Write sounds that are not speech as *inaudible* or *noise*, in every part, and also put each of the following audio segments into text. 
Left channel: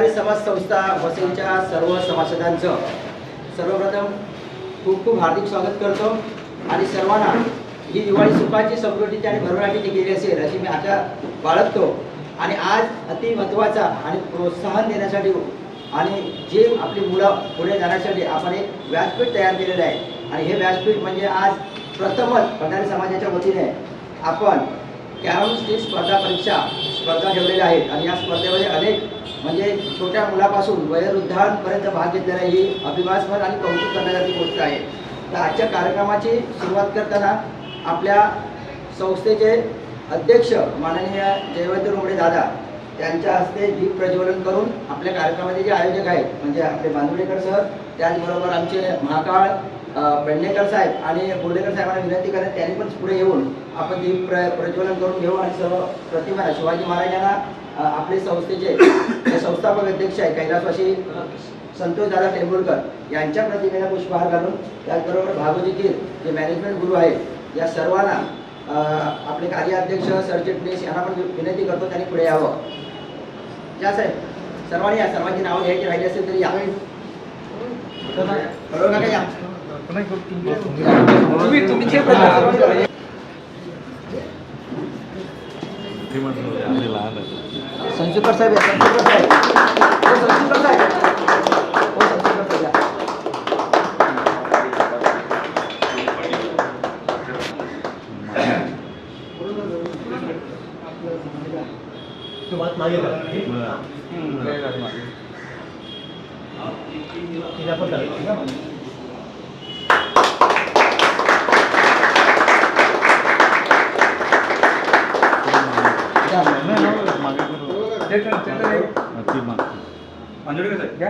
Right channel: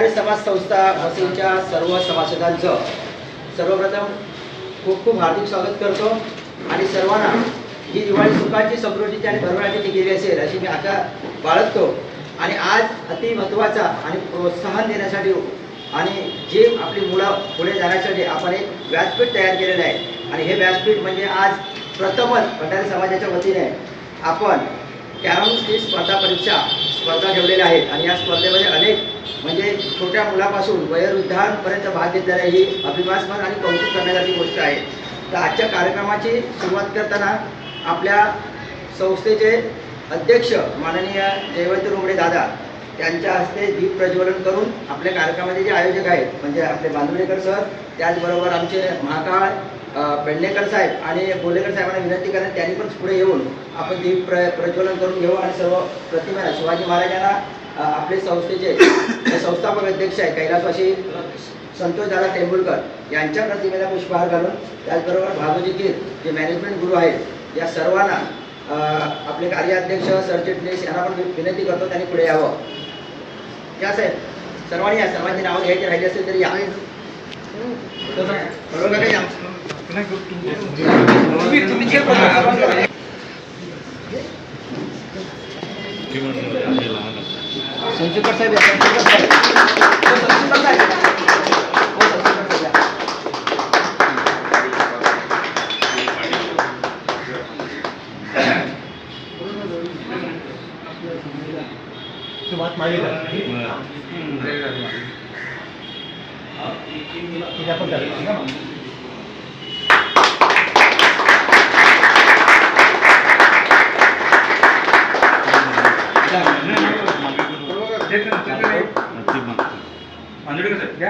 आणि समाज संस्था वसईच्या सर्व सभासदांचं सर्वप्रथम खूप खूप हार्दिक स्वागत करतो. आणि सर्वांना ही दिवाळी सुखाची समृद्धीची आणि भरभराटीची गेली असेल अशी मी आशा बाळगतो. आणि आज अति महत्त्वाचा आणि प्रोत्साहन देण्यासाठी आणि जे आपली मुलं पुढे जाण्यासाठी आपण एक व्यासपीठ तयार केलेलं आहे. आणि हे व्यासपीठ म्हणजे आज प्रथमच भंडारी समाजाच्या वतीने आपण कॅरमची स्पर्धा परीक्षा स्पर्धा ठेवलेल्या आहेत. आणि या स्पर्धेमध्ये अनेक म्हणजे छोट्या मुलापासून वयोवृद्धांपर्यंत भाग घेतलेला ही अभिमानास्पद आणि कौतुक करण्यासाठी गोष्ट आहे. तर आजच्या कार्यक्रमाची सुरुवात करताना आपल्या संस्थेचे अध्यक्ष माननीय जयवंत रुमडे दादा त्यांच्या हस्ते दीप प्रज्वलन करून आपल्या कार्यक्रमाचे जे आयोजक आहेत म्हणजे आपले बांदुडेकर सर त्याचबरोबर आमचे महाकाळ अ, पेडणेकर साहेब आणि बोलेकर साहेबांना विनंती करत त्यांनी पण पुढे येऊन आपण दीप प्र प्रज्वलन करून घेऊ आणि सर्व प्रतिमा शिवाजी महाराजांना आपले संस्थेचे *coughs* संस्थापक अध्यक्ष आहे कैलासवासी संतोष दादा टेंभुलकर यांच्या प्रतिमेला पुष्पहार घालून त्याचबरोबर भागवती कीर जे मॅनेजमेंट गुरु आहेत या सर्वांना आपले कार्याध्यक्ष सरचिटणीस यांना पण विनंती करतो त्यांनी पुढे यावं. या साहेब सर्वांनी या सर्वांची नावं घ्यायची राहिली असेल तरी या. बरोबर या. तुम्ही तुम्ही आपण- संशुकर साहेब या, संशुकर साहेब हो, संशुकर साहेब हो, संशुकर साहेब या. अगरबत्ती घ्या नाही का नाही नंतर हार घाला इकडे या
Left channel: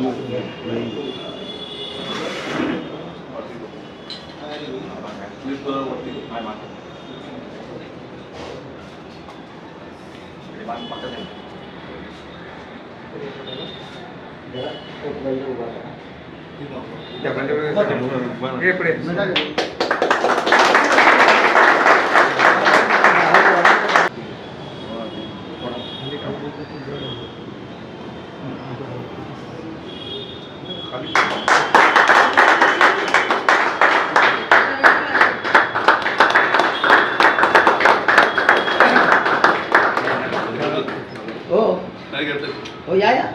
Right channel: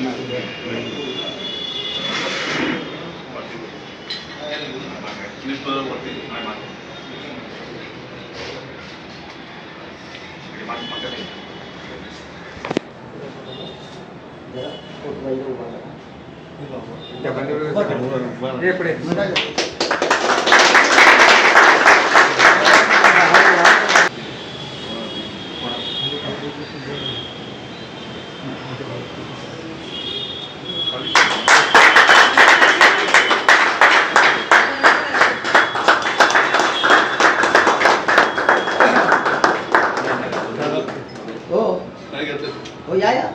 या. ये, ये, ये, इकडे, इकडे. आहे, आहे. ये, ये, ये. जरा फोटो इथं उभा करा. त्या बांदिवडेकर सर. ये पुढे हो हो. या या.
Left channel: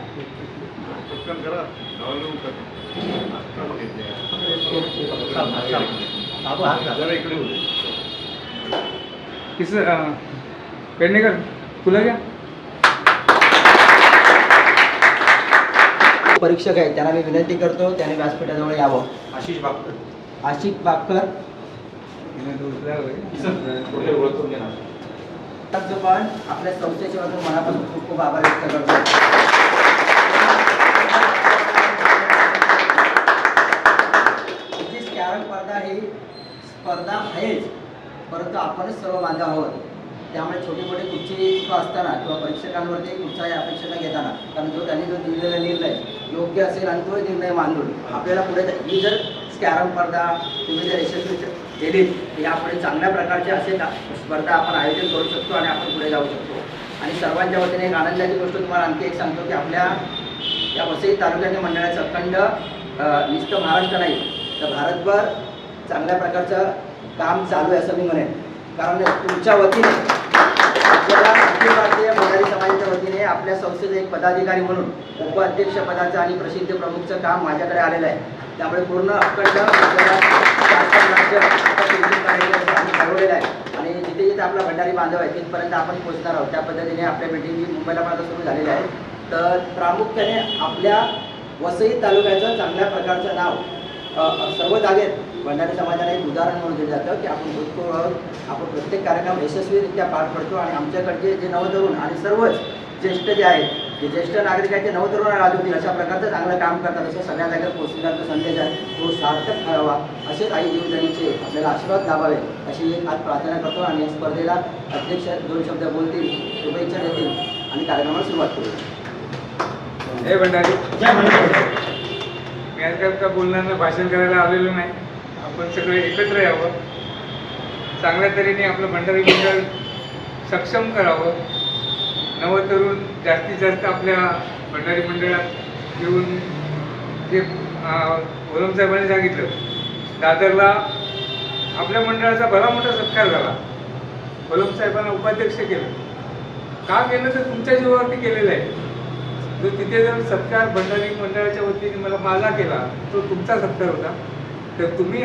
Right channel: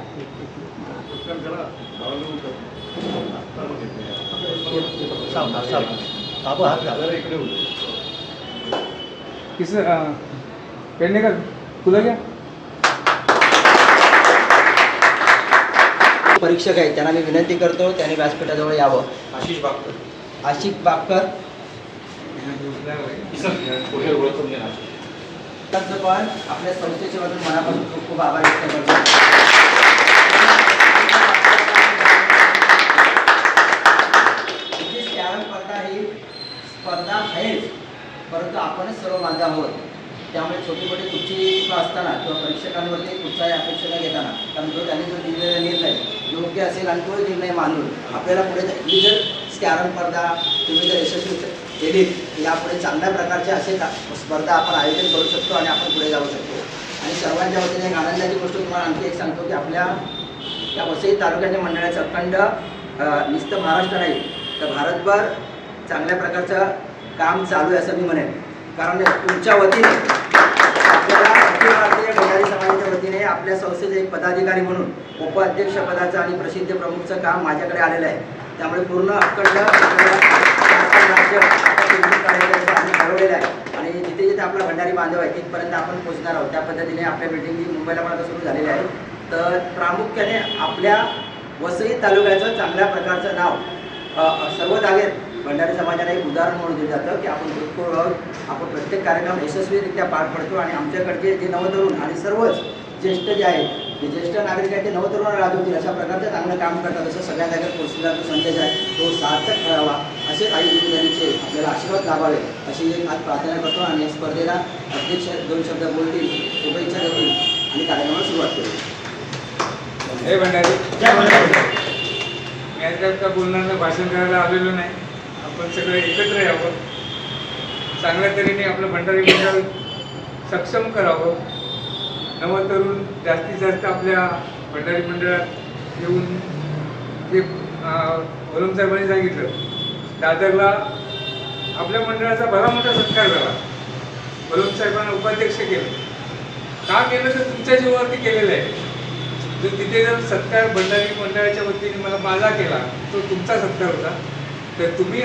पेडणेकर फुलं घ्या परीक्षक आहेत. त्यांना मी विनंती करतो त्यांनी व्यासपीठाजवळ यावं. आशिष बागकर आशिष त्यांचं पण आपल्या संस्थेच्या वतीने मनापासून खूप खूप आभार व्यक्त करतो. स्पर्धा ही स्पर्धा आहेच परंतु आपणच सर्व बांधव आहोत. त्यामुळे छोटे मोठे कुठची असताना किंवा परीक्षकांवरती कुठचाही अपेक्षा न घेताना कारण जो त्यांनी जो दिलेला निर्णय योग्य असेल आणि तो निर्णय मानून आपल्याला पुढे जा- ही जर कॅरम स्पर्धा तुम्ही जर यशस्वी केली यापुढे चांगल्या प्रकारचे असे दा- स्पर्धा आपण आयोजन करू शकतो आणि आपण पुढे जाऊ शकतो. आणि सर्वांच्या वतीने एक आनंदाची गोष्ट तुम्हाला आणखी एक सांगतो की आपल्या या वसई तालुक्याच्या मंडळाचं अखंड नुसतं महाराष्ट्र नाही तर भारतभर चांगल्या प्रकारचं काम चालू आहे असं मी म्हणेन. कारण तुमच्या वतीने आपल्याला अखिल भारतीय भंडारी समाजाच्या वतीने आपल्या संस्थेचे एक पदाधिकारी म्हणून उपाध्यक्ष पदाचं आणि प्रसिद्ध प्रमुखचं काम माझ्याकडे आलेलं आहे. त्यामुळे पूर्ण अखंड आपल्याला आहे. आणि जिथे जिथे आपला भंडारी बांधव आहे तिथपर्यंत आपण पोहोचणार आहोत. त्या पद्धतीने आपल्या मिटिंग ही मुंबईला पण सुरू झालेली आहे. तर प्रामुख्याने आपल्या वसई तालुक्याचं चांगल्या प्रकारचं नाव सर्व जागेत भंडारी समाजाला एक उदाहरण म्हणून दिलं जातं की आपण भूतपूर्व आहोत आपण प्रत्येक कार्यक्रम यशस्वीरित्या पार पडतो आणि आमच्याकडचे जे नवतरुण आणि सर्वच ज्येष्ठ जे आहेत जे ज्येष्ठ नागरिक आहेत ते नवतरुण राजवतील अशा प्रकारचं चांगलं काम करतात असं सगळ्या जागेवर पोहोचण्याचा जो संदेश आहे. तो सार्थक ठरावा असेच आई गुरुजनीचे आपल्याला आशीर्वाद लाभावे अशी एक आज प्रार्थना करतो आणि या स्पर्धेला अध्यक्ष दोन शब्द बोलतील शुभेच्छा देतील आणि कार्यक्रमाला सुरुवात करू. हे भंडारी जय भंडारी. मी आज काय का बोलणार भाषण करायला आलेलो नाही. आपण सगळे एकत्र यावं. चांगल्या तऱ्हेने आपलं भंडारी मंडळ सक्षम करावं. नवतरुण जास्तीत जास्त आपल्या भंडारी मंडळात येऊन जे वलम साहेबांनी सांगितलं दादरला आपल्या मंडळाचा भला मोठा सत्कार झाला. वलम साहेबांना उपाध्यक्ष केलं. का केलं? तर तुमच्या जीवावरती केलेलं आहे. जर तिथे जर सत्कार भंडारी मंडळाच्या वतीने मला माझा केला तो तुमचा सत्कार होता. तर तुम्ही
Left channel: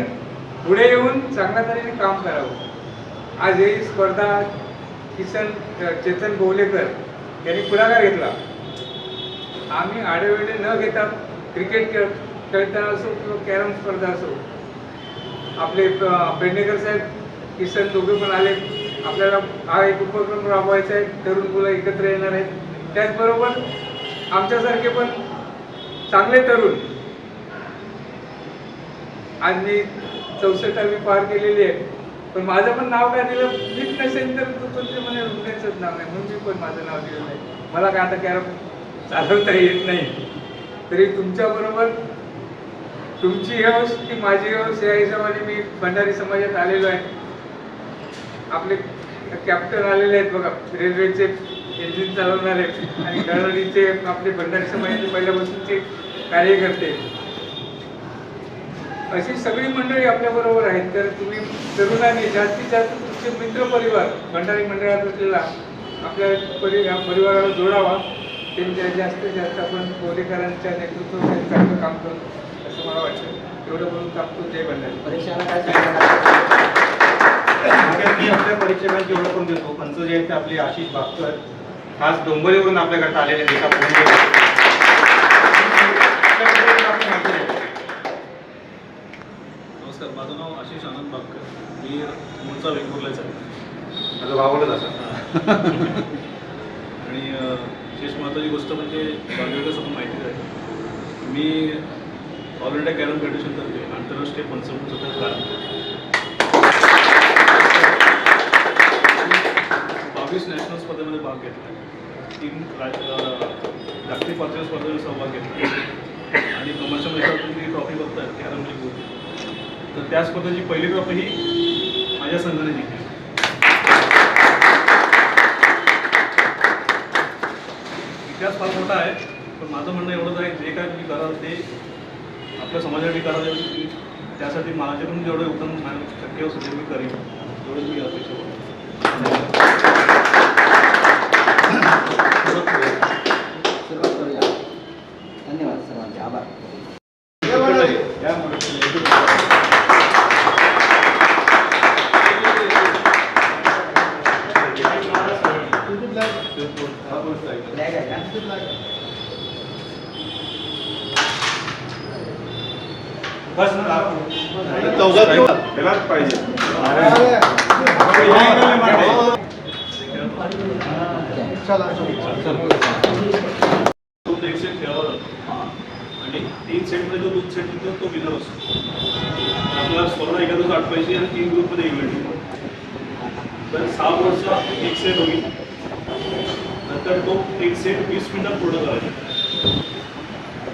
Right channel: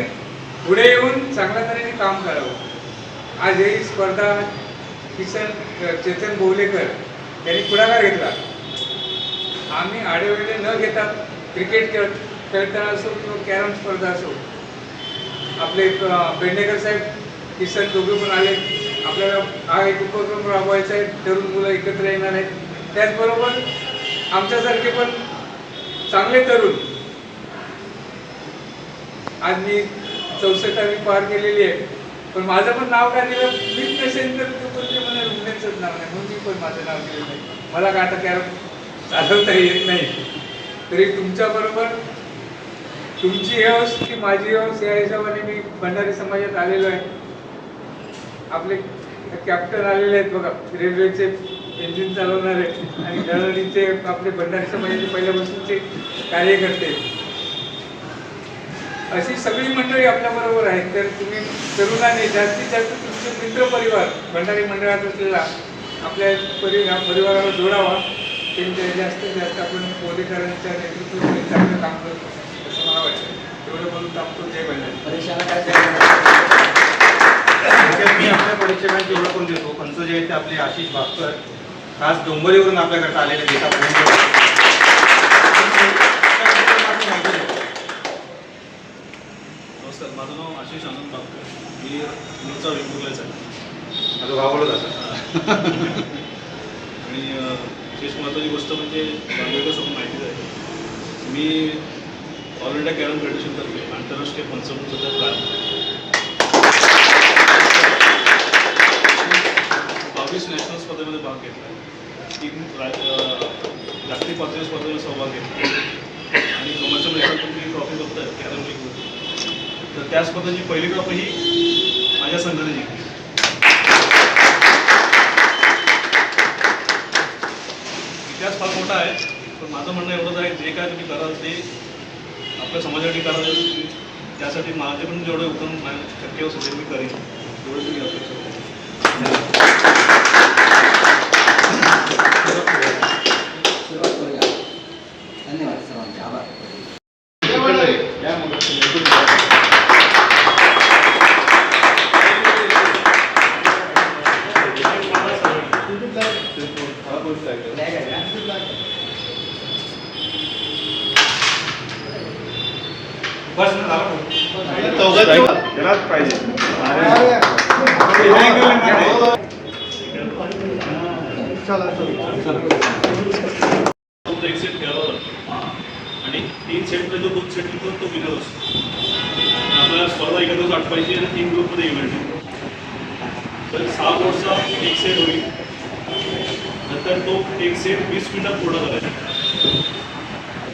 पुढे येऊन चांगल्या तऱ्हेने काम करावं. आज ही स्पर्धा किसन चेतन बोवलेकर यांनी पुढाकार घेतला. आम्ही आडेवेळे न घेता क्रिकेट खेळ खेळताना असो किंवा कॅरम स्पर्धा असो आपले अ, पेडणेकर साहेब किसन दोघे पण आले. आपल्याला हा एक उपक्रम राबवायचा आहे. तरुण मुलं एकत्र येणार आहेत. त्याचबरोबर आमच्यासारखे पण चांगले तरुण आज मी चौसष्टावी पार केलेली आहे. पण माझं पण नाव काय दिलं मीच नसेल तर तू पण ते मला रुग्णाचंच नाव नाही. म्हणून मी पण माझं नाव दिलेलं आहे. मला काय आता कॅरम चालवता येत नाही. तरी तुमच्याबरोबर तुमची हौस की माझी हौस या हिशोबाने मी भंडारी समाजात आलेलो आहे. आपले कॅप्टन आलेले आहेत बघा. रेल्वेचे इंजिन चालवणारे आणि दळणीचे आपले भंडारी समाजाचे पहिल्यापासूनचे कार्यकर्ते. अशी सगळी मंडळी आपल्या बरोबर आहेत. तर तुम्ही तरुणांनी जास्तीत जास्त तुमचे मित्र परिवार भंडारी मंडळात असलेला आपल्या परि या परिवाराला जोडावा. त्यांच्या जास्तीत जास्त आपण पोलीसकारांच्या नेतृत्वामध्ये चांगलं काम करू असं मला वाटतं. तेवढं बोलून टाकतो जय भंडारी. परीक्षाला काय सांगणार मी आपल्या परीक्षकांची ओळख करून देतो पंच जे आहेत ते आपले आशिष भास्कर खास डोंबरीवरून आपल्याकडे आलेले आहेत एका फोनवर. नमस्कार माझं नाव आशिष आनंद बागकर मी मूळचा वेंगुर्लाच आहे. माझं भावलं जातं. आणि विशेष महत्त्वाची गोष्ट म्हणजे बांधवकर समोर माहितीच आहे. मी ऑल इंडिया कॅरम फेडरेशनतर्फे आंतरराष्ट्रीय पंचमूळ सतत बावीस नॅशनल स्पर्धेमध्ये भाग घेतला. तीन जागतिक पातळीवर स्पर्धेमध्ये सहभाग घेतला. आणि कमर्शियलमध्ये तुम्ही ट्रॉफी बघताय कॅरम लीग तर त्या स्पर्धेची पहिली ट्रॉफी ही माझ्या संघाने जिंकली. इतिहास फार मोठा आहे पण माझं म्हणणं एवढंच आहे जे काय तुम्ही कराल ते आपल्या समाजासाठी कराल त्यासाठी माझ्याकडून जेवढं योगदान शक्य असेल ते मी करेन. एवढंच मी अपेक्षा धन्यवाद सर्वांचे. आभार बस ना झालं. त्यालाच पाहिजे तो एक सेट खेळावा लागतो आणि तीन सेटमध्ये जो दोन सेट मिळतो तो विनर असतो आपल्याला स्पर्धा एकत्रच आटवायची आणि तीन ग्रुपमध्ये इव्हेंट आहे तर सहा बोर्डचा एक सेट होईल नंतर तो एक सेट वीस मिनिटात पूर्ण करायचा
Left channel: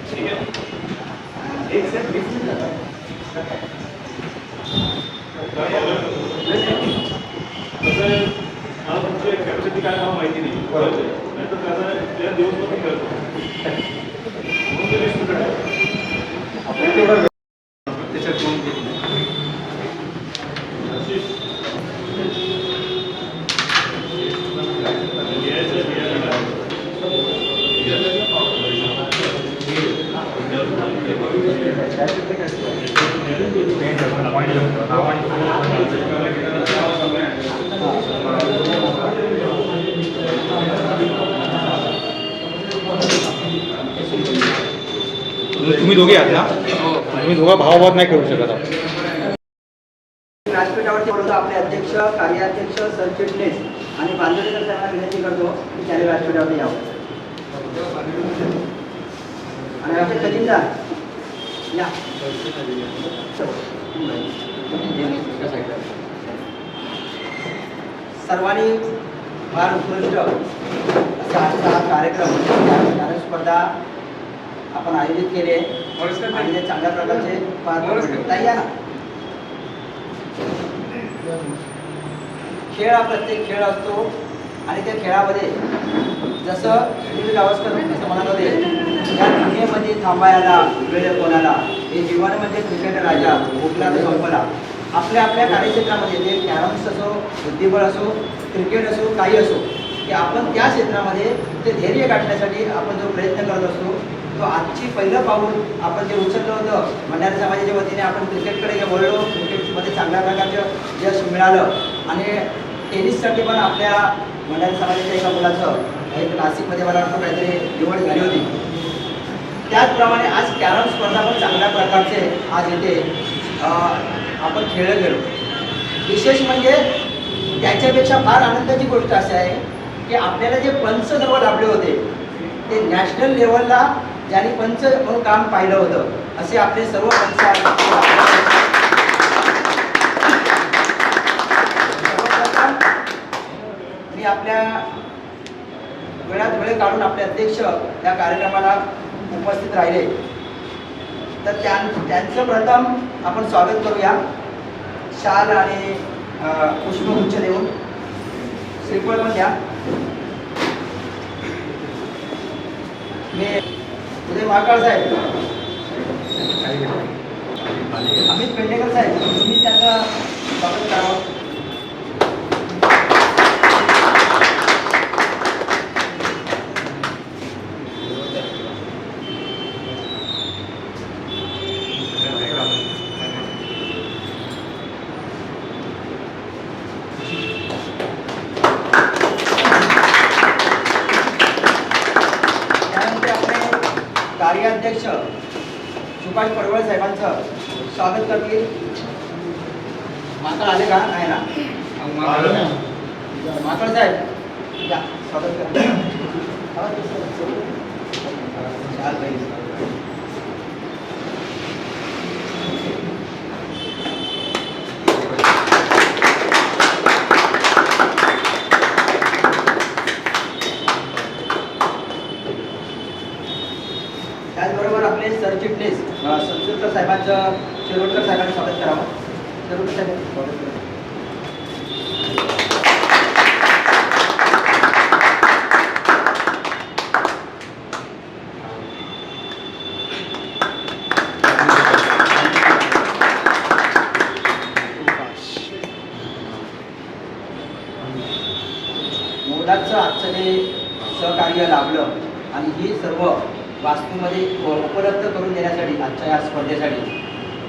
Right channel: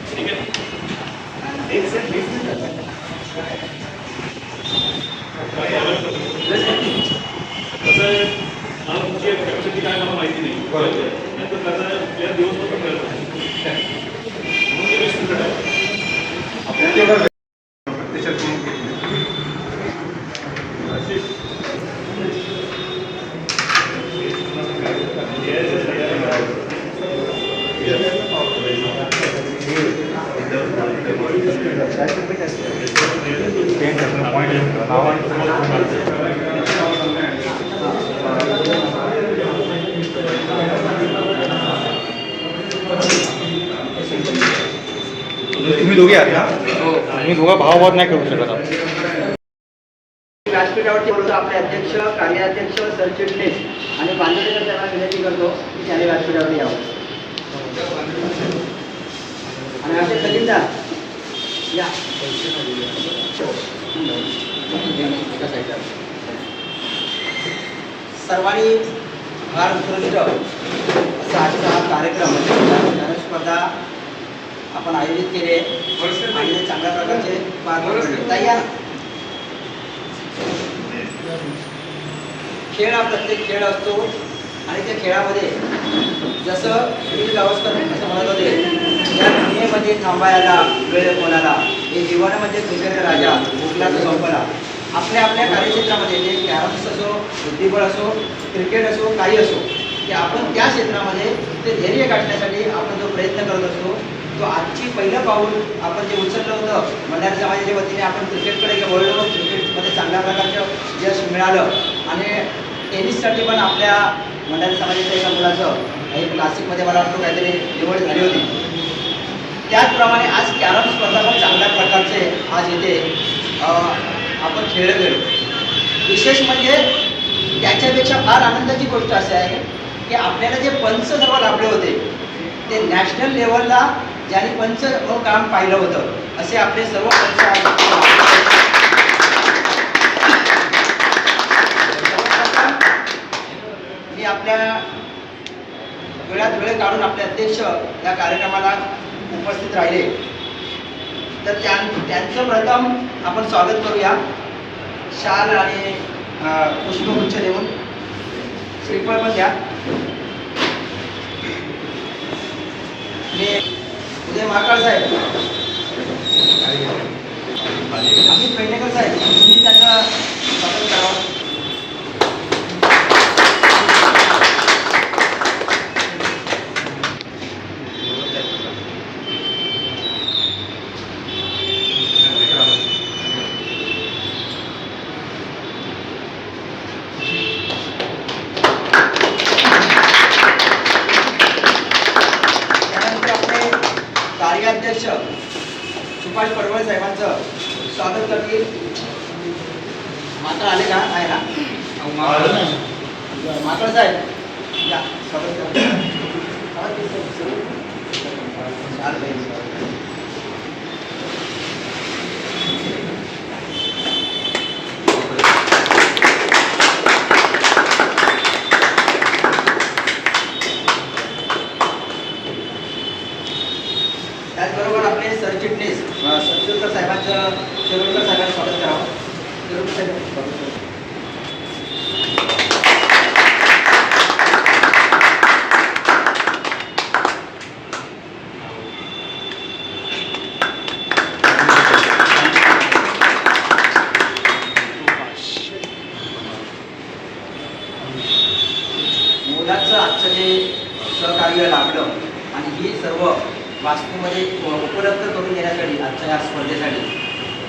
ठीक आहे एक सेट वीस मिनिटात तुमची कॅपॅसिटी काय मला माहिती नाही. नाही तर आहे प्लेअर दिवसभर पण खेळतो म्हणून ते वीस मिनिटं ठेवा. त्याच्यात मग तुम्ही दोघे आहात ना तुम्ही दोघा भावाभाव नाही करू शकत आहात. व्यासपीठावरती बोलतो आपले अध्यक्ष कार्याध्यक्ष सरचिटणीस आणि बांधवडेकर त्यांना विनंती करतो की त्याने व्यासपीठावरती यावं आणि आमचे खजिनदार या सर्वांनी फार उत्कृष्ट असा आजचा कार्यक्रम गायन स्पर्धा आपण आयोजित केले म्हणजे चांगल्या प्रकारचे पार या खेळ हा प्रत्येक खेळ असतो आणि त्या खेळामध्ये जसं सुनील गावस्कर असं म्हणत होते या दुनियेमध्ये थांबायला वेळ कोणाला? हे जीवनामध्ये क्रिकेट राजा भोगला तो संपला. आपल्या आपल्या कार्यक्षेत्रामध्ये जे कॅरम्स असो बुद्धिबळ असो क्रिकेट असो काही असो ते आपण त्या क्षेत्रामध्ये ते धैर्य गाठण्यासाठी आपण जो प्रयत्न करत असतो तो आजची पहिलं पाऊल आपण जे उचललं होतं भंडारी समाजाच्या वतीने आपण क्रिकेटकडे वळलो क्रिकेटमध्ये चांगल्या प्रकारचं यश मिळालं. आणि टेनिससाठी पण आपल्या भंडारी समाजाच्या एका मुलाचं एक नाशिकमध्ये मला वाटतं काहीतरी निवड झाली होती. त्याचप्रमाणे आज कॅरम स्पर्धा पण चांगल्या प्रकारचे आज इथे आपण खेळलं गेलो. विशेष म्हणजे त्याच्यापेक्षा फार आनंदाची गोष्ट अशी आहे की आपल्याला जे पंच जवळ लाभले होते ते नॅशनल लेवलला ज्यांनी पंच म्हणून काम पाहिलं होतं असे आपले सर्व पंच आहेत. मी आपल्या वेळात वेळ काढून आपले अध्यक्ष या कार्यक्रमाला उपस्थित राहिले. तर त्यां त्यांचं प्रथम आपण स्वागत करूया. शाल आणि पुष्पगुच्छ देऊन. श्रीफळ पण द्या. मी उदय महाकाळ साहेब. अमित पेंडेकर साहेब तुम्ही त्यांना स्वागत करावं त्यानंतर आपले कार्याध्यक्ष सुभाष पडवळ साहेबांचं स्वागत करतील माकड आले का नाही ना माकड साहेब या स्वागत करा चाल बाई. त्याचबरोबर आपले सरचिटणीस अ, संतोषकर साहेबांचं शिरोडकर साहेबांनी स्वागत करावं शिरोडकर साहेब स्वागत करा. मुलाचं आजचं जे सहकार्य लाभलं आणि ही सर्व वास्तूमध्ये उ- उपलब्ध करून देण्यासाठी आजच्या या स्पर्धेसाठी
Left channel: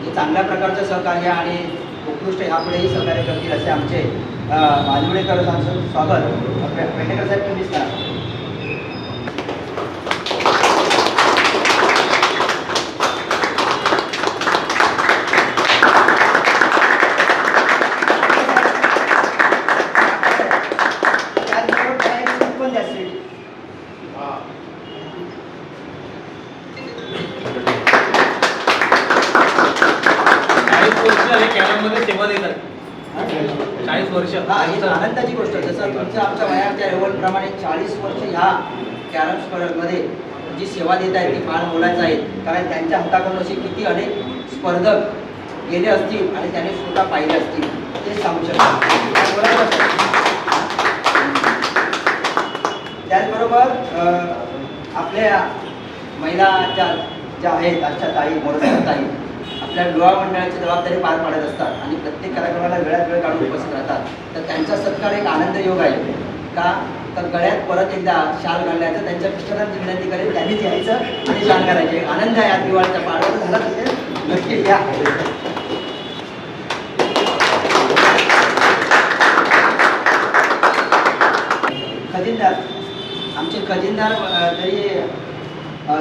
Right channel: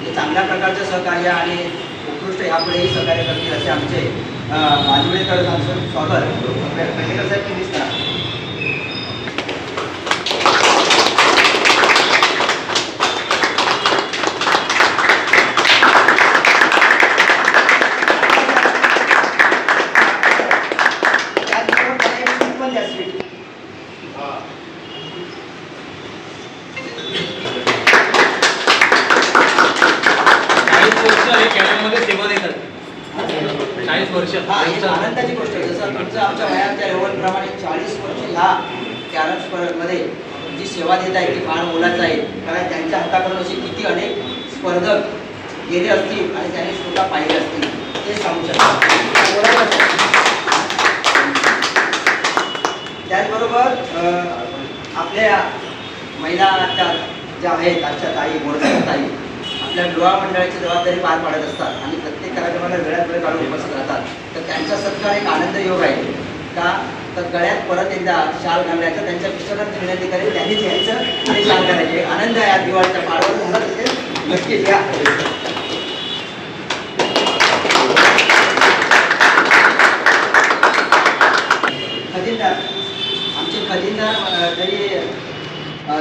जे चांगल्या प्रकारचं सहकार्य आणि उत्कृष्ट ह्यापुढेही सहकार्य करतील असे आमचे मालवडेकर यांचं स्वागत पेंडेकर साहेब तुम्हीच करा त्याचबरोबर त्यांना एक सीट पण द्या सीट चाळीस वर्ष हे कॅरममध्ये सेवा देतात चाळीस वर्ष हा ही आनंदाची गोष्ट आहे जसं तुमचं आमच्या वयाच्या लेवलप्रमाणे चाळीस वर्ष ह्या कॅरम स्पर्धेमध्ये जी सेवा देत आहे ती फार मोलाचं आहे कारण त्यांच्या हाताकडून असे किती अनेक स्पर्धक गेले असतील आणि त्याने स्वतः पाहिले असतील ते सांगू शकतात बरोबर आहे. त्याचबरोबर अं, आपल्या महिला त्या ज्या आहेत आजच्या ताई मोडकर ताई आपल्या विवाह मंडळाची जबाबदारी पार पाडत असतात आणि प्रत्येक कार्यक्रमाला वेळात वेळ काढून उपस्थित राहतात. तर त्यांचा सत्कार एक आनंद योग आहे. का? तर गळ्यात परत एकदा शाल घालायचं त्यांच्या मिस्टरांची विनंती करेल त्यांनीच यायचं आणि शाल करायचे आनंद आहे आज दिवाळीचा पाडवा झाला नक्कीच या.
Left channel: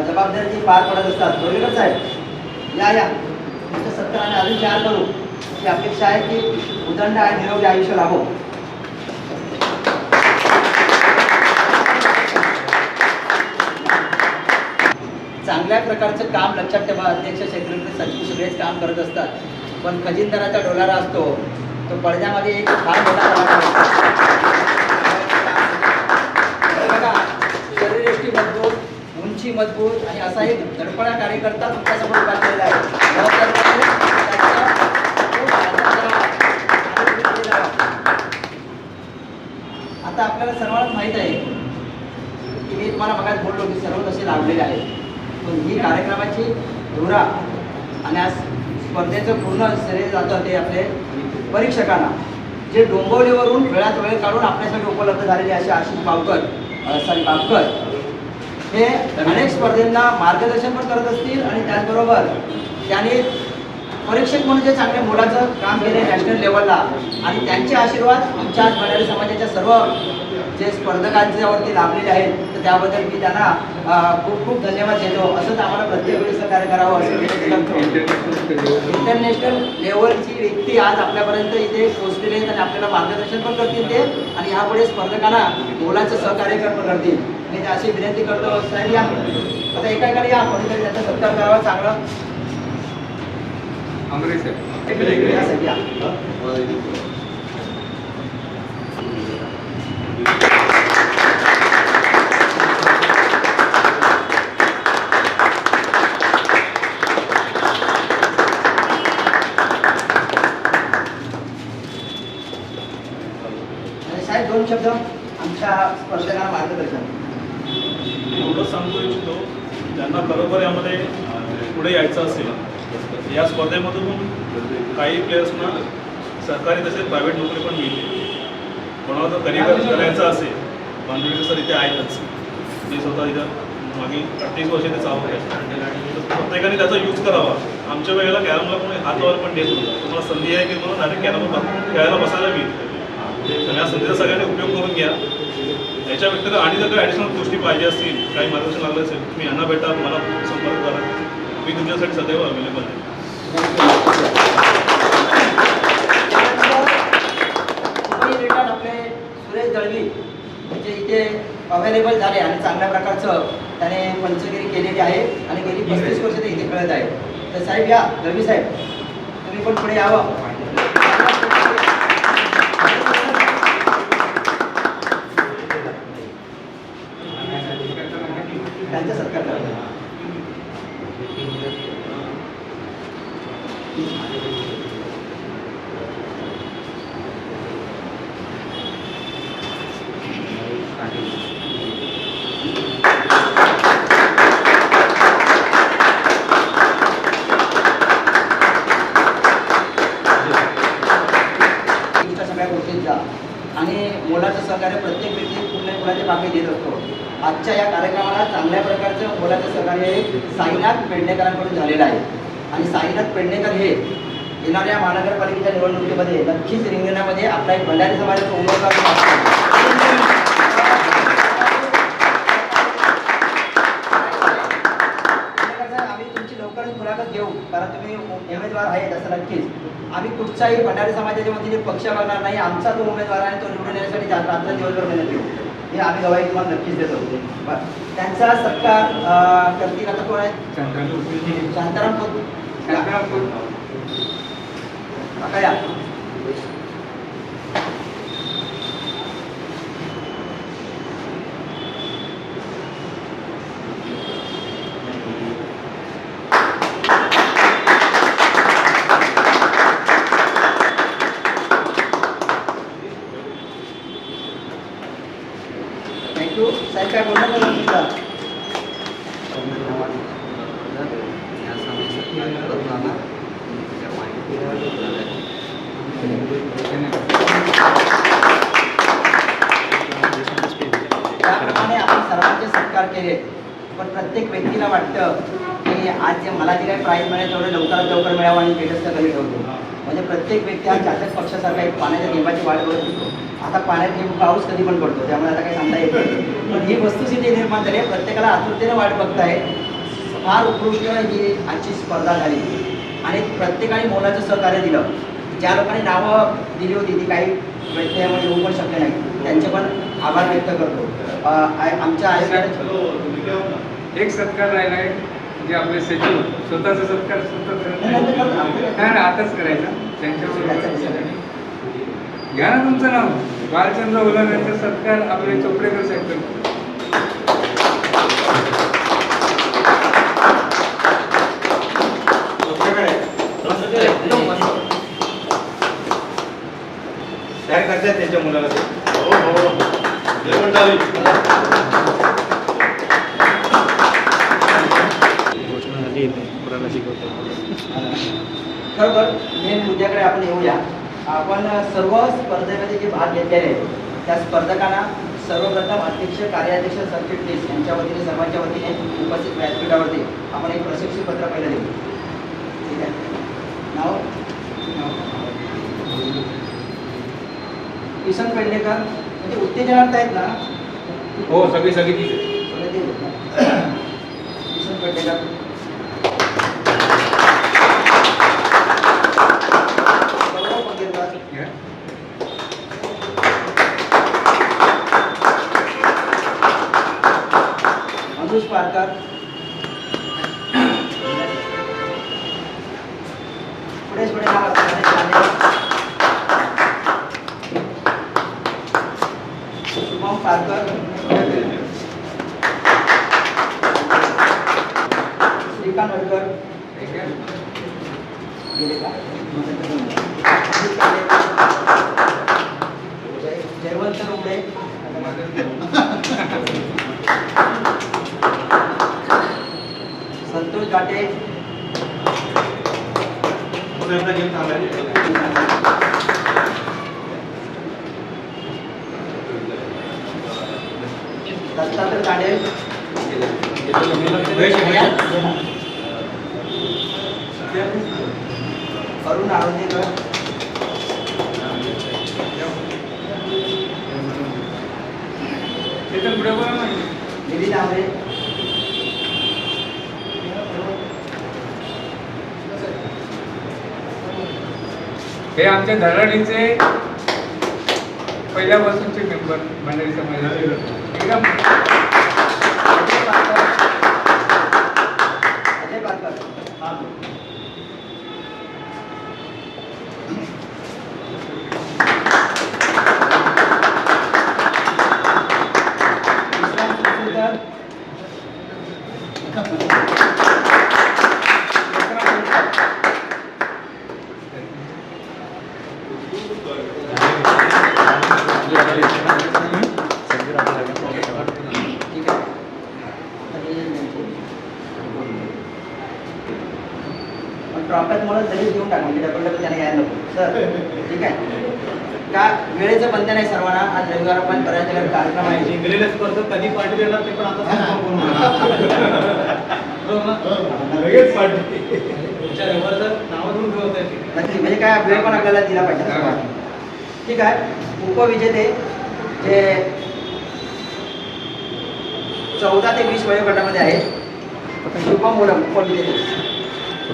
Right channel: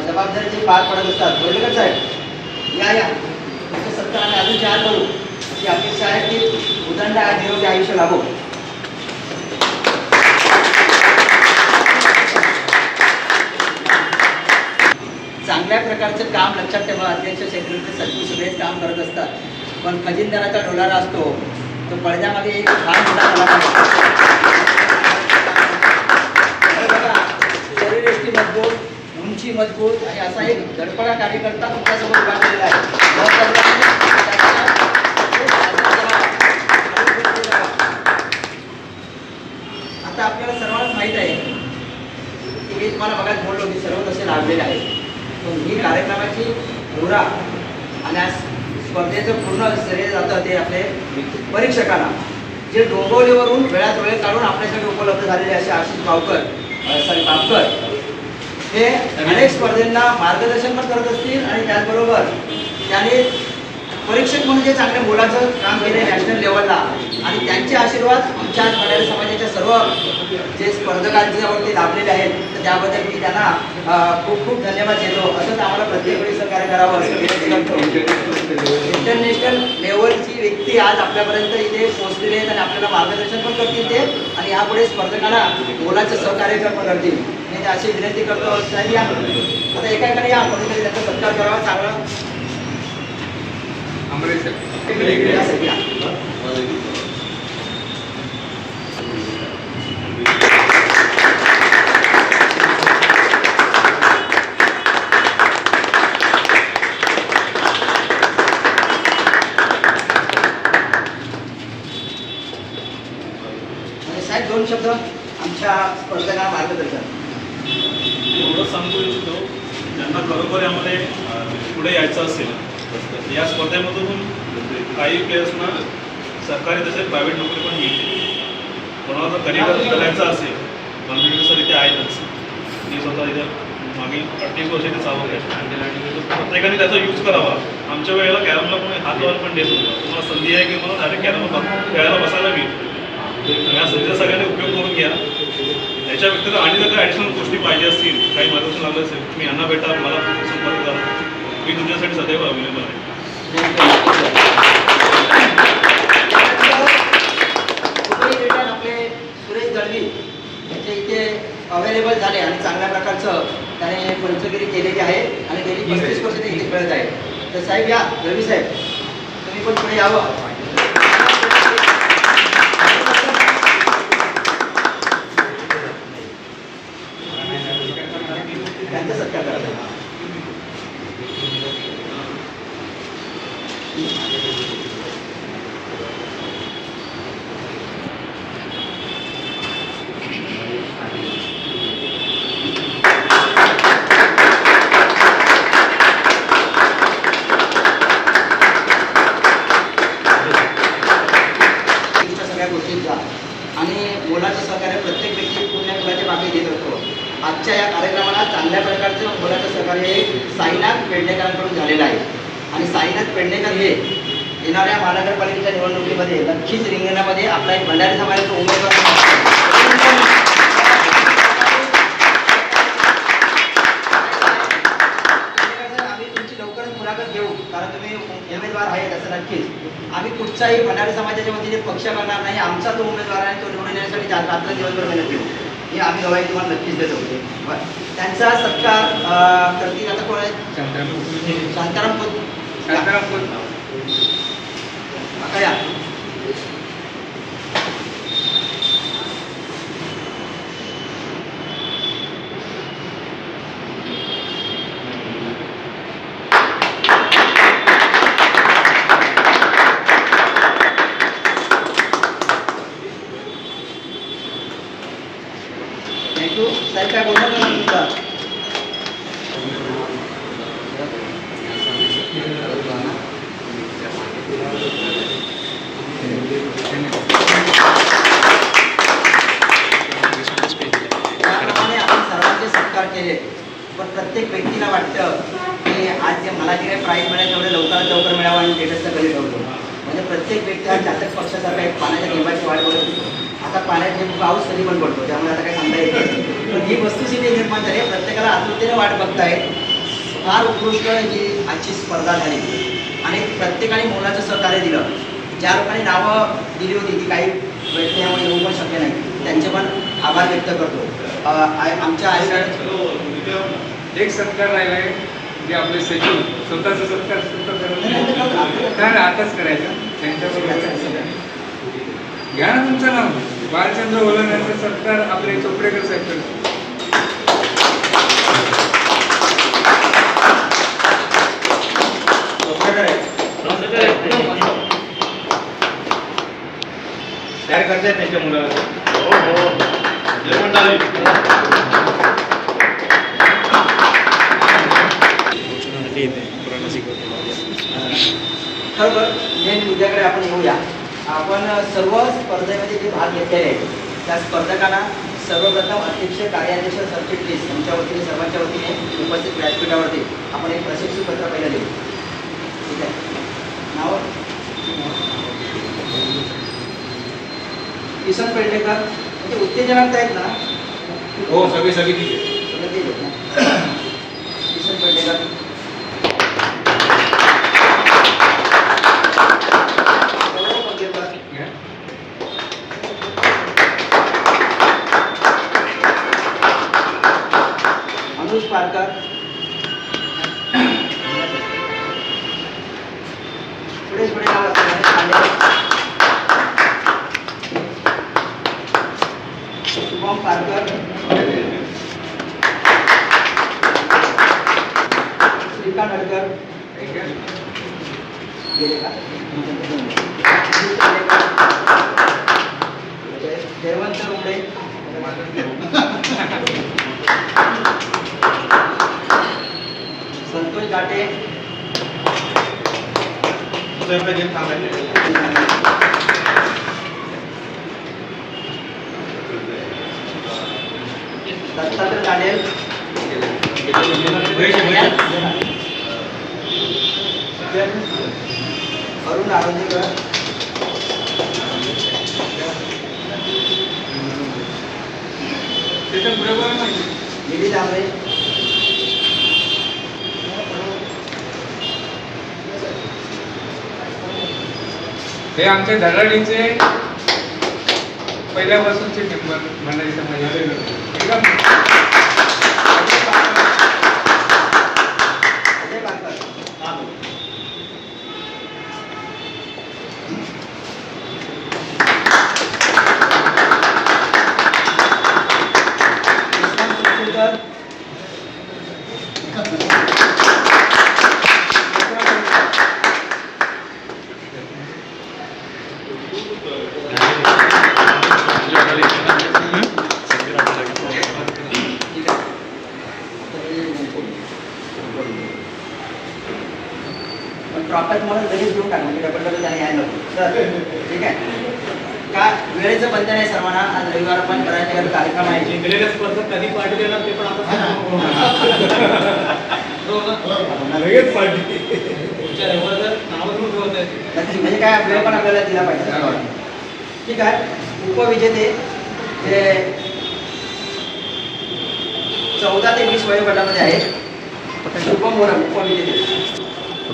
जबाबदारी पार पडत असतात. बोलेकर साहेब या या. तुमच्या सत्ता आम्ही अजून चार करू की अपेक्षा आहे की उदंड आणि निरोगी आयुष्य लाभो चांगल्या प्रकारचं काम लक्षात ठेवा. अध्यक्ष सेक्रेटरी सचिव सगळेच काम करत असतात. पण खजिनदाराचा डोलारा असतो तो पडद्यामागे एक फार मोठा मजबूत आणि असा एक धडपडा कार्यकर्ता तुमच्यासमोर उभा आहे. आता आपल्याला सर्वांना माहीत आहे की मी तुम्हाला बघायला बोललो की सर्व तसे लागलेले आहेत. पण ही कार्यक्रमाची धुरा आणि आज स्पर्धेचं पूर्ण श्रेय जातं ते आपले परीक्षकांना. जे डोंबवलीवरून वेळात वेळ काढून आपल्यासाठी उपलब्ध झालेले असे आशिष बावकर सॉरी बावकर हे अनेक स्पर्धेंना मार्गदर्शन पण करत असतील आणि त्याचबरोबर त्यांनी परीक्षक म्हणून जे चांगल्या मुलाचं काम केले नॅशनल लेवलला आणि त्यांचे आशीर्वाद आमच्या आज मराठी समाजाच्या सर्व जे स्पर्धकांच्यावरती लाभलेले आहेत तर त्याबद्दल मी त्यांना खूप खूप धन्यवाद देतो. असंच आम्हाला प्रत्येक वेळी सहकार्य करावं असं इंटरनॅशनल लेवलची व्यक्ती आज आपल्यापर्यंत इथे पोहोचलेले आहेत आणि आपल्याला मार्गदर्शन पण करतील ते आणि यापुढे स्पर्धकांना मुलाचं सहकार्य पण करतील. मी अशी विनंती करतो साहेब या. आता एका एकाने या कोणीतरी त्याचा सत्कार करावा चांगलं अमरीश या साहेब, या. आणि साहेब दोन शब्द आमच्या स्पर्धकांना मार्गदर्शन एवढंच सांगू इच्छितो ज्यांना खरोखर यामध्ये अं, पुढे यायचं असेल या स्पर्धेमधून काही प्लेयर्सना सरकारी तसेच प्रायव्हेट नोकरी पण मिळते कोणाला जर करिअर करायचं असेल कॉन्फिडन्स सर इथे आहेतच मी स्वतः इथं मागील अडतीस वर्ष ते चालवत आहे तर प्रत्येकाने त्याचा यूज करावा. आमच्या वेळेला कॅरमला कोणी हात पण देत होता तुम्हाला संधी आहे की मला डायरेक्ट कॅरम खेळायला बसायला मिळते तर या संधीचा सगळ्यांनी उपयोग करून घ्या. याच्या व्यतिरिक्त आणि जर काही ॲडिशनल गोष्टी पाहिजे असतील काही मार्गदर्शन लागलं असेल तुम्ही यांना भेटा मला संपर्क करा. मी तुमच्यासाठी सदैव अवेलेबल आहे. आपले सुरेश दळवी यांचे इथे अवेलेबल झाले आणि चांगल्या प्रकारचं त्याने पंचगिरी केलेली आहे आणि गेली पस्तीस वर्ष ते इथे खेळत आहे. तर साहेब या दळवी साहेब तुम्ही पण पुढे यावं त्यांचा सत्कार करा इच्छा सगळ्या गोष्टींचा आणि मुलाचं सहकार्य प्रत्येक व्यक्ती पुण्य मुलाच्या मागे देत असतो आजच्या या कार्यक्रमाला चांगल्या प्रकारचं मुलाचं सहकार्य हे साईनाथ पेडणेकरांकडून झालेलं आहे आणि साईनाथ पेडणेकर हे येणाऱ्या महानगरपालिकेच्या निवडणुकीमध्ये नक्कीच रिंगणामध्ये आपला एक भंडारी समाजाचा उमेदवार म्हणून पेडणेकर साहेब, आम्ही तुमची लवकरच मुलाखत घेऊ. कारण तुम्ही उमेदवार आहे तसं नक्कीच. आम्ही कुठचाही भंडारी समाजाच्या वतीने पक्ष करणार नाही. आमचा तो उमेदवार आहे तो निवडून येण्यासाठी जा- रात्र दिवसभर मेहनत घेऊ. हे आम्ही गवाही तुम्हाला नक्कीच देतो. त्यांचा सत्कार करतील आता कोण आहे? शांताराम शांताराम आता या थँक्यू साहेब काय बोलणार का तुमचा त्याप्रमाणे आपण सर्वांचे सत्कार पण प्रत्येक व्यक्तीला वाटतं की आज जे मला जे काही प्राईज मिळेल तेवढं लवकरात लवकर मिळावं आणि स्टेटसचा कधी ठेवतो म्हणजे प्रत्येक व्यक्ती हा चातक पक्षासारखा एक पाण्याच्या गेमाची वाट बघत असतो. आता पाण्यात गेम पाऊस कधी पण पडतो त्यामुळे आता काही सांगता येत नाही. पण ही वस्तुस्थिती निर्माण झाली आहे. प्रत्येकाला आतुरतेने वाट बघताय. फार उत्कृष्ट ही आजची स्पर्धा झाली. आणि प्रत्येकाने मोलाचं सहकार्य दिलं. ज्या लोकांनी नावं दिली होती ती काही व्यक्ती यामध्ये येऊ पण शकले नाही. त्यांचे पण आभार व्यक्त करतो. आमच्या आयोजन एक सत्कार राहिला आहे जे आपले सचिव स्वतःचा सत्कार स्वतः करत नाही. आताच करायचा. त्यांच्याबरोबर. घ्या ना तुमचं नाव. बालचंद्र ओलवण्याचा सत्कार आपले चोपडेकर साहेब करतो सर्व स्पर्धेमध्ये जे भाग घेतलेले आहेत त्या स्पर्धकांना सर्वप्रथम अध्यक्ष कार्याध्यक्ष सरचिटणीस यांच्या वतीने सर्वांच्या वतीने उपस्थित व्यासपीठावरती आपण एक प्रशिक्षण पत्र पहिलं देऊ ठीक आहे. नाव? किसन पेडणेकर. म्हणजे उत्तेजनार्थ आहेत ना? हो सगळी सगळी अनुज दत्तात्रय तांडेल अरुण आरोग्यकर त्याच्या पुढे हे आमच्या धराडीचे पहिल्यापासूनचे मेंबर मंडळी समाजाचे ठीक आहे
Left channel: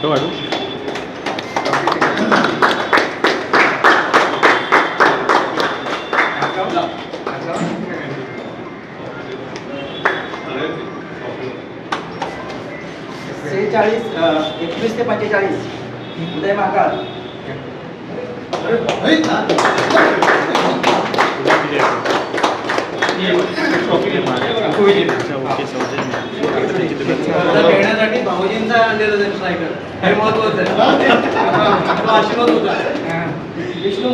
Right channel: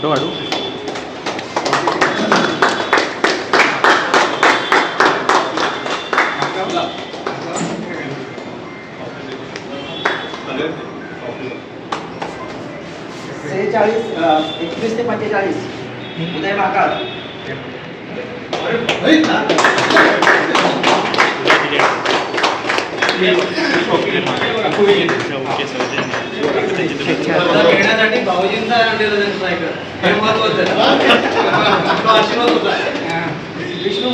Então, Aru. Ah, 45, 45. Mudei a marcada. Mahakal स्पर्धा खेळण्यासाठी भाऊजींचा आणलेलं त्यांनी सायकल हे महत्वाचं आहे. तो आशीर्वाद होता विष्णू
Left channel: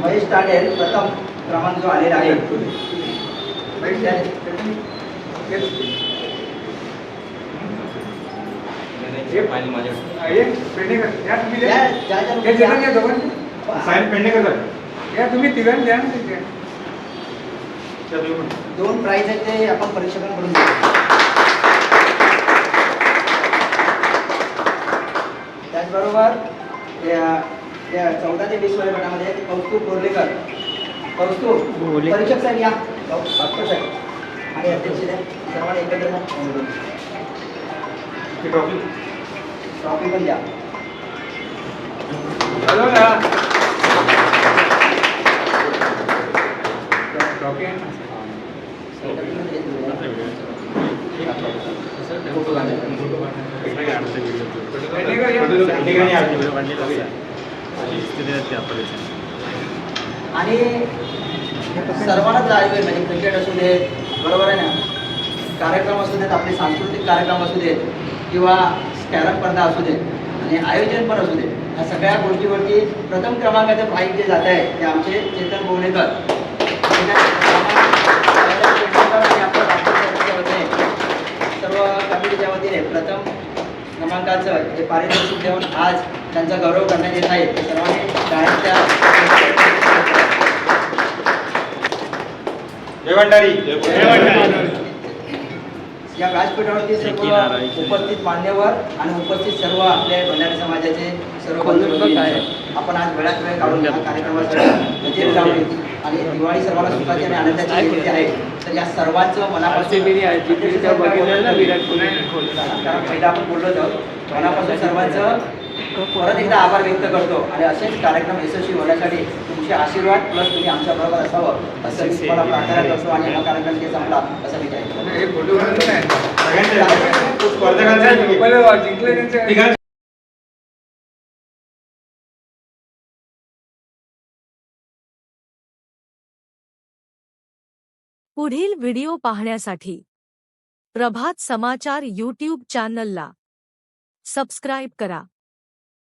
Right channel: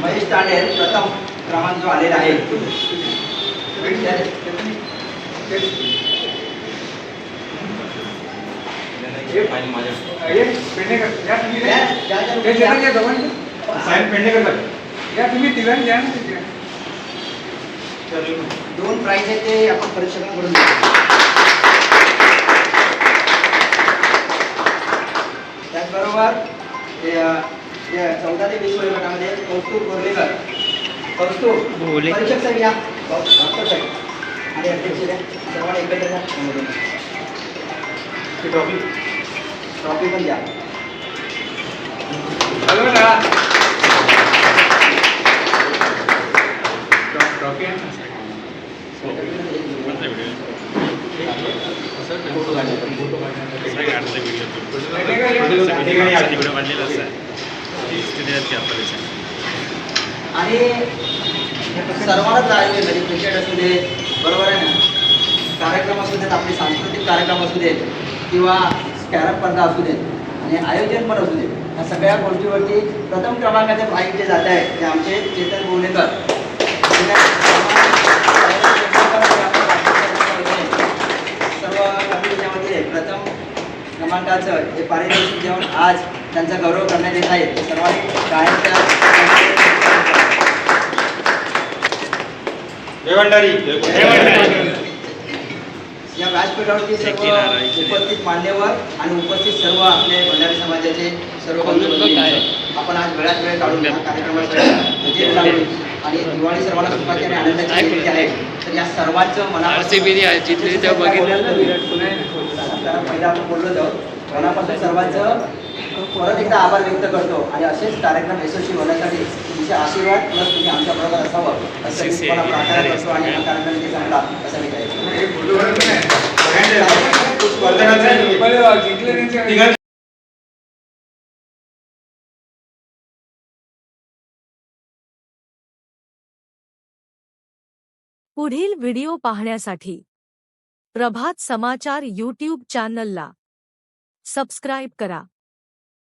महेश तांडेल प्रथम क्रमांक जो आलेला आहे. साईन पेंडेकर झाले या तुम्ही तिघांनी द्या ना तिथे दोन प्राइज आहेत ते आपण परीक्षकांकडून घेऊ त्याचबरोबर ते, अ, ते चौदा ते वीस वयोगटामध्ये कौस्तुभ बोर्लेकर कौस्तुभ परीक्षक साहेब या डॉक्टर साहेब आणि अध्यक्ष साहेब, सर्वांना एकत्र या. ती ट्रॉफी ट्रॉफी पण द्या हॅलो ना ट्रॉफी आहे ना हे- आणि सर्वांनाच लागले म्हणजे क्रिकेट असू दे बरोबर आहे ना? कार्यक्रम असू देत आपले सांस्कृतिक कार्यक्रम असू देत किंवा कॅरम स्पर्धा असू देत आणि आयोजन पण असू दे या सगळ्या गोष्टीवरती प्रथम क्रमांकाचे प्राईज जे जात आहे ते आमचे चेतन गोवणेकर सर्व कमिटी प्रथम क्रमांकाचं जे पारितोषिक देऊन आज त्यांचा गौरव करण्यात येत आहे. सर्वांनी या व्यासपीठावरती सर्व उपस्थित मान्यवर आणि उपस्थित सर्व आपले भंडारी समाजाचे सर्व बंधू आपण आज वेळात वेळ काढून या कार्यक्रमासाठी हजेरी लावली आणि दिवाळी सर्वांना सुखाची आणि आनंदाची आहे तर या सर्वांचं मनापासून पहिला आपण बोललो आहोत मनापासून सर्वांचं परत एकदा आभार व्यक्त करतो आणि असेच कार्यक्रम यशस्वी होण्यासाठी तुमचे आशीर्वाद प्लस तुम्ही आमच्या बरोबर असावं असं मी तुम्हाला प्रार्थना करतो आणि हा कार्यक्रम किती चांगला असा मी करायचं पुढील व्हिडिओ पाहण्यासाठी प्रभात समाचार यूट्यूब चॅनलला सबस्क्राईब करा.